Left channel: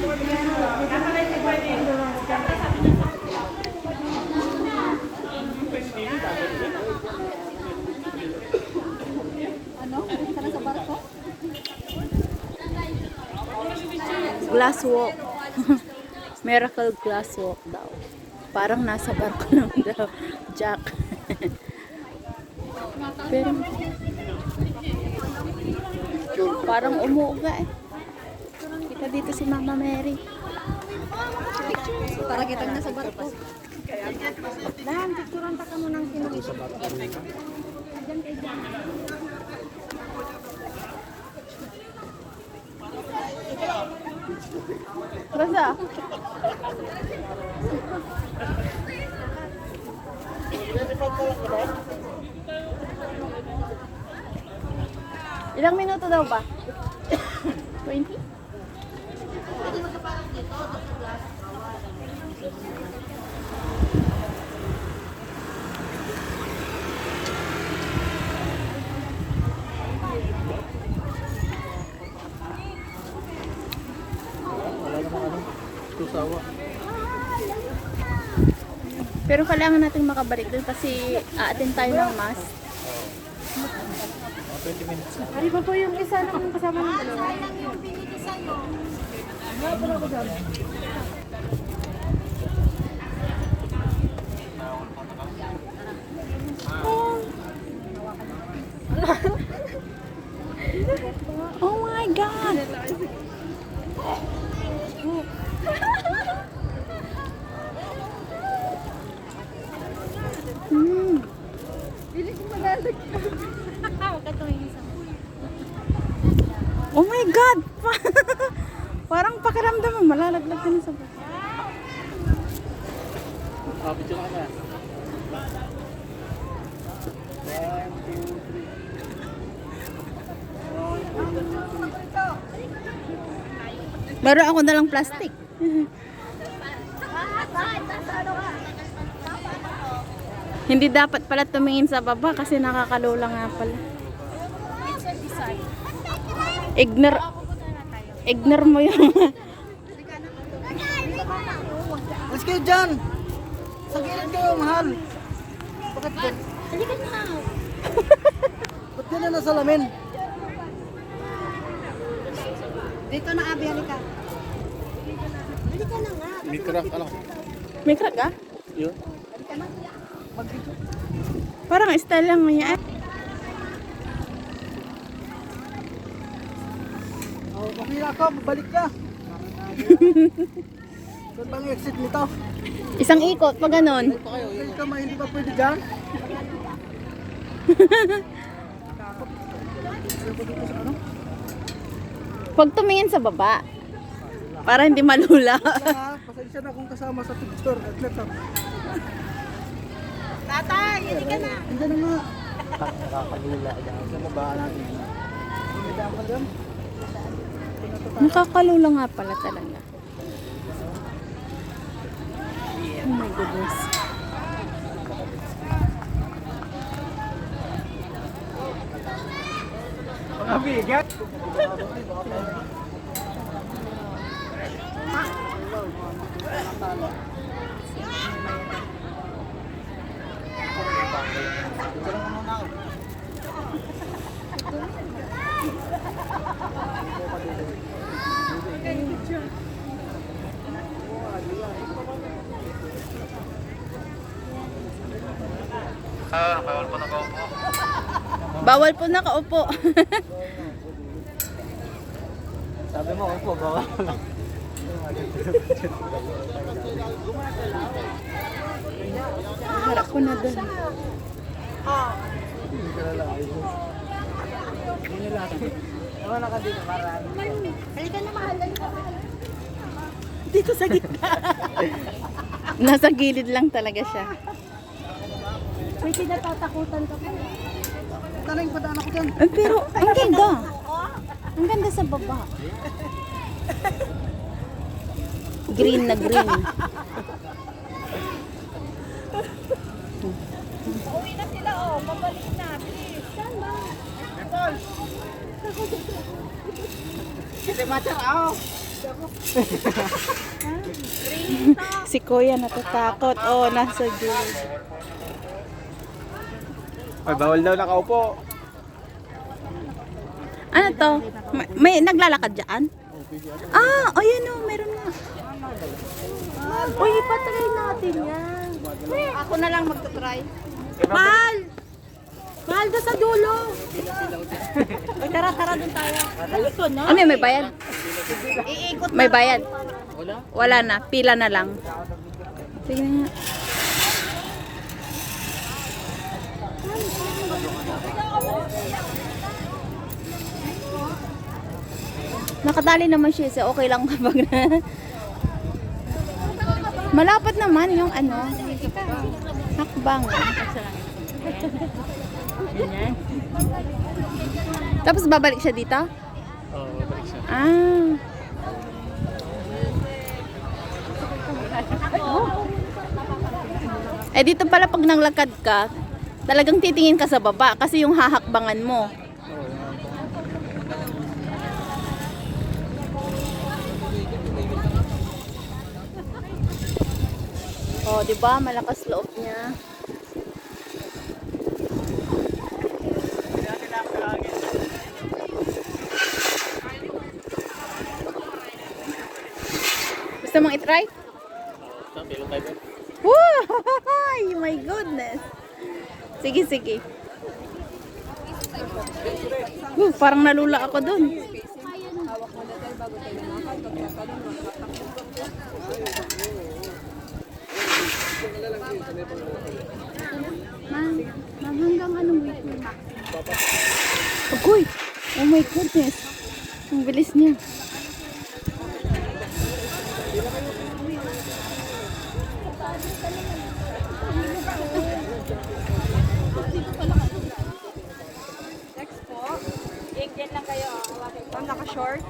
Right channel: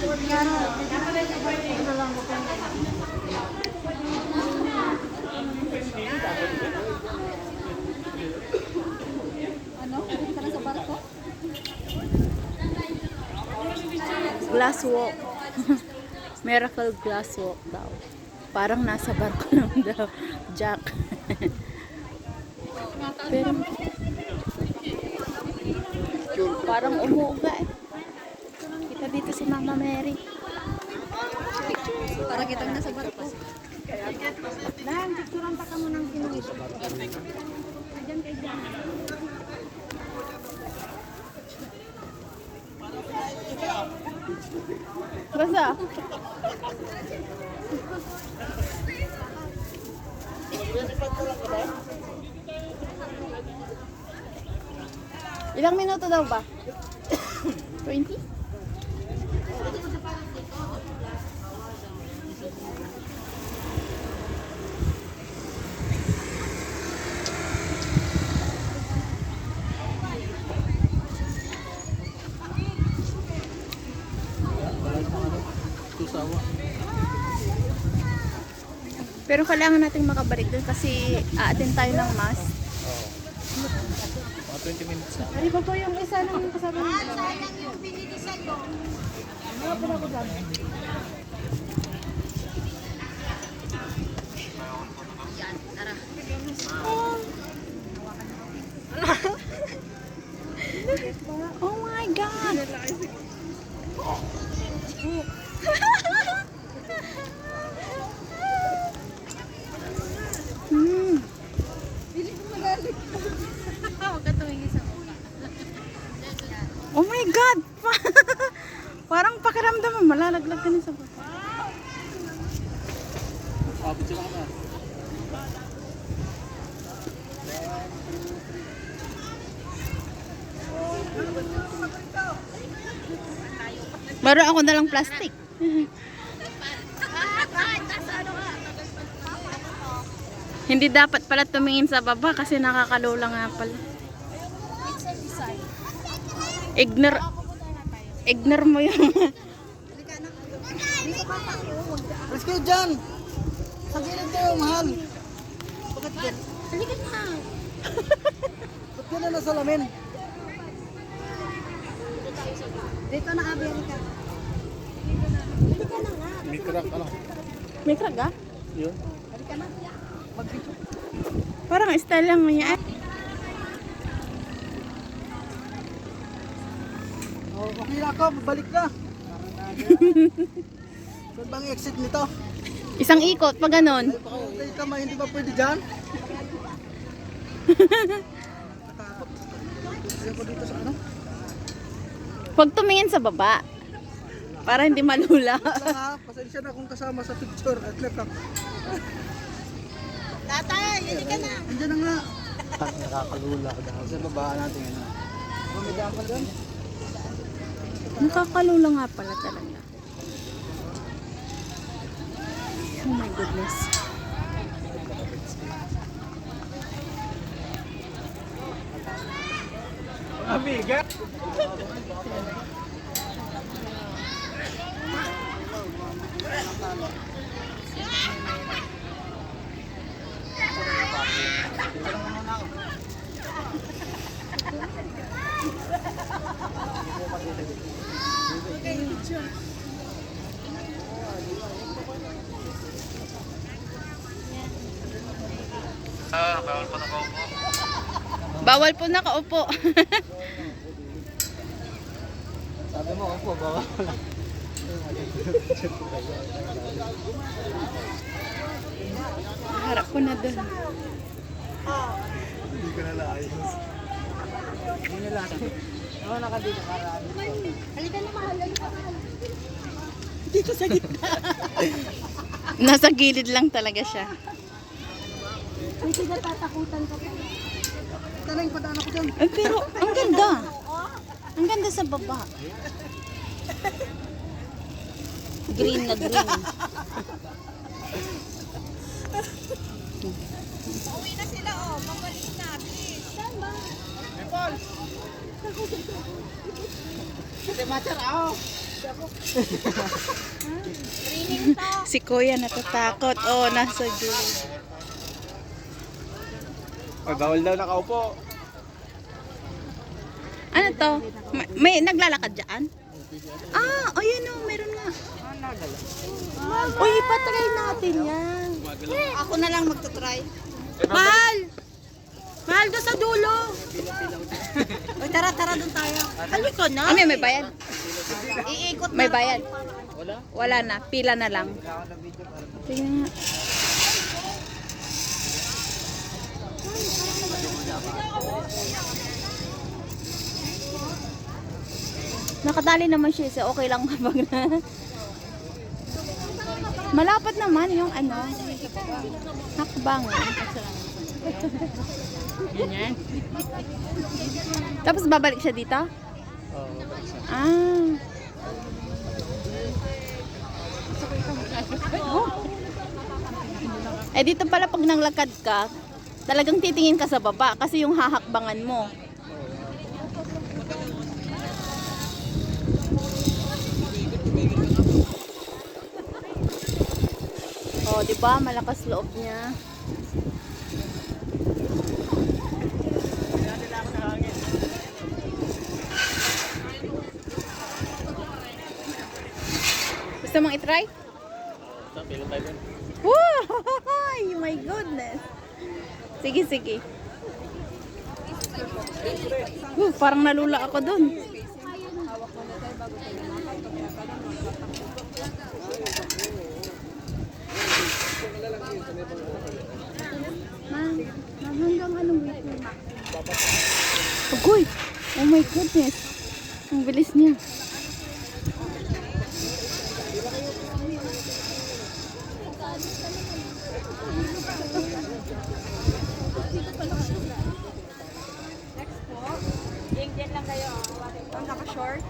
Ano? Sana sa barko? Glass walk. Miracle glass walk daw. Parang nasa barko lang daw. Jack. Pero parang umuuga eh. Kita dito si Mama Mary. Para kita na sa barko. Dan, picturean pa ka mo ng pinag sa barko. Basta. Ilang minuto daw ba? 20? Pero kailangan natin makabalik doon kasi aatin tayo ng mass. 20 minutes. Ari ba po yung isa ng kasama ng dalawa? Sayang yung pinilisan mo. Oh my God! Hindi ko magalag. Huwag ka tumingin sa Oh my God! Parang pakiramdam mo, malalaglag ka na sa baba. Meron ako na lang plastic. Hindi dapat pala tumingin sa baba kasi nakakalula nga pala. It's a design. Ignore mo yung Let's go dyan! Sa gilid kayo, mahal! Bakit ka? Halika na. Ba't ka na nasa lamin? Dito na, Abi, halika. May crack, ano? may crack ah? Yun. Halika na. Mag-video. Parang style lang niya. Okay na ka, babalik ka. Saan bang exit nito? Isang ikot, pag ganon. Okay ka, hindi ba pwede dyan? Takot. Ayaw ko dito sa ano? Huwag tumingin sa baba. Para hindi malula. Pasensya na kung kasama sa picture. Tatay, hindi ka na. Hindi na nga. Nakakagulila ka dyan. Sa baba natin. May daan ka dyan? Nakakalula nga pala talaga. Oh my goodness. Mabigat! Bawal po nakaupo. Sabi mo, upo, bawal lang. Harap ko na doon. Hindi ko na laayos. Hindi nila ito. Naman ako dito para Halika na, mahal. Halika, mahal. Dito sa gitna. Nasa gilid lang talaga siya. May kinatatakutan ka pala. Tanay yung padaan ako dyan. Pero ang ganda. Ang ganda sa baba. Green na green. Uwi na sila, oh. Pabalik na. Please. Saan ba? Kasi matter ako. Si Kuya natatakot. Oh, nasa gilid. Ay, bawal daw nakaupo. Ano to? May naglalakad dyan? Ah, oh yan o, meron nga. Uy, ipatry natin yan. Ako na lang magta-try. Mahal! Mahal doon sa dulo. Uy, tara doon tayo. Halika na. Ano may bayad? Iikot May bayad? Wala na, pila na lang. Sige nga. Nakatali naman siya, so okay lang kapag na. Malapad naman yung ano, hakbang. Tapos babalik siya dito? Oo, balik siya. Ah. Eh dito pala pag nanglakad ka, talagang titingin ka sa baba kasi yung hahakbangan mo. Oh, 'di ba? Malakas loob niya. Gusto mong i-try? Woo! My goodness. Sige, sige. Parang nalula ako dun. Magandang anong weekend. Agoy! Oh my goodness. Ang bilis niya. Ang naka-short.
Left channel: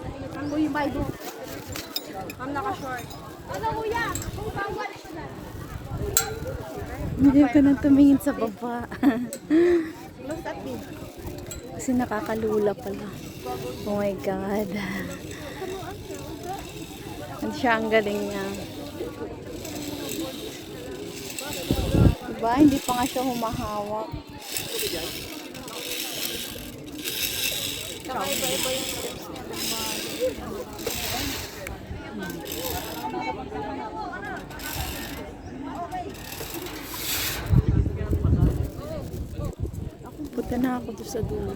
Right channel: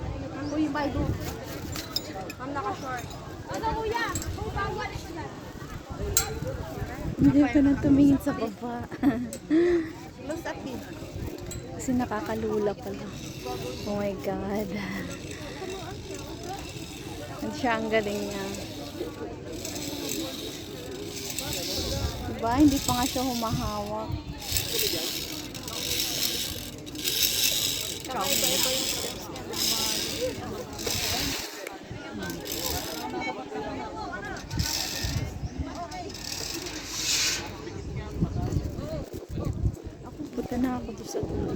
Uy, may do. Ang naka-short. Ano kuya? Kung bawal sila. Hindi ka nang tumingin sa baba. Look at me. Kasi nakakalula pala. Oh my God. Ang siya, ang galing niya. Diba? Hindi pa nga siya humahawak. Punta na ako doon sa dulo.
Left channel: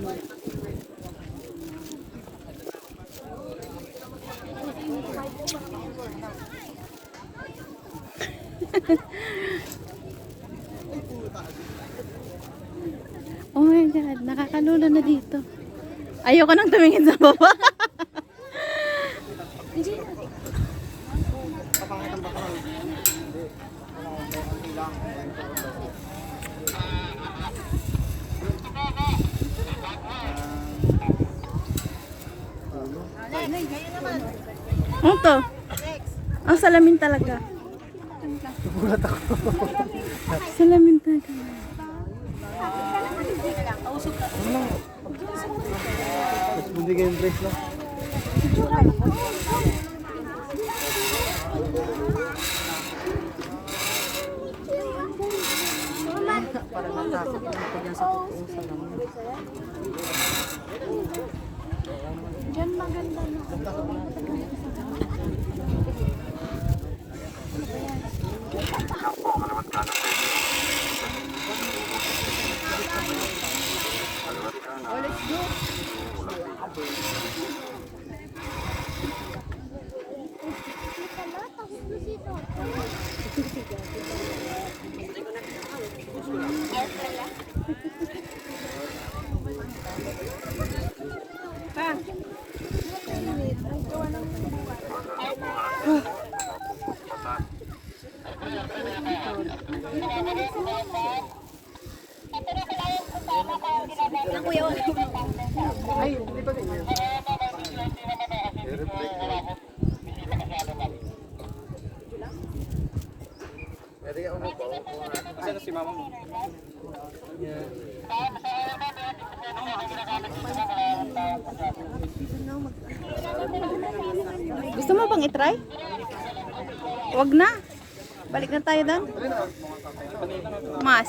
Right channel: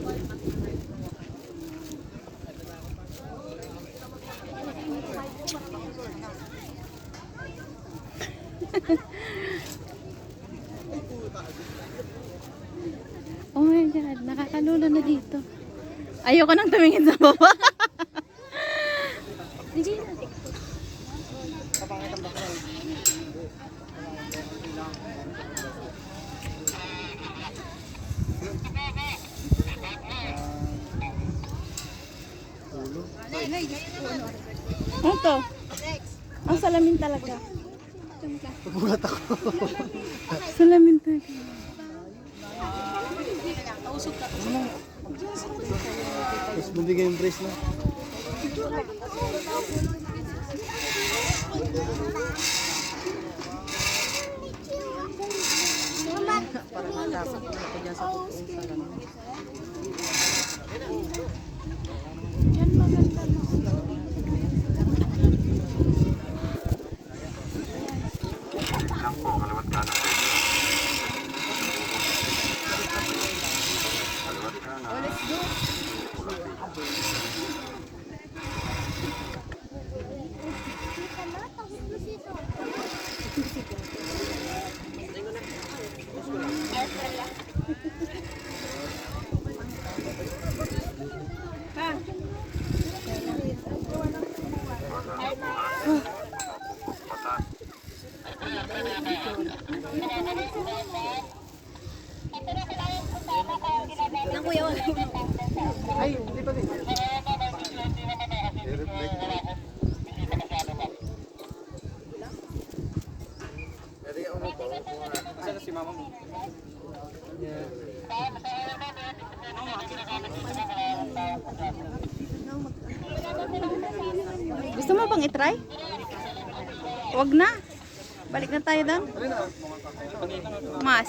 Oh my God, nakakalula na dito. Ayoko nang tumingin sa baba. Ano to? Ang salamin talaga. Gulat ako. Salamin talaga. Tapos bibigay yung brace, no? Ay, hindi pa din. I-reflect ko. Pwede yung umupo. Isa na si mama mo. Gusto mo ba nating itry? Wag na. Balik na tayo doon. Mas.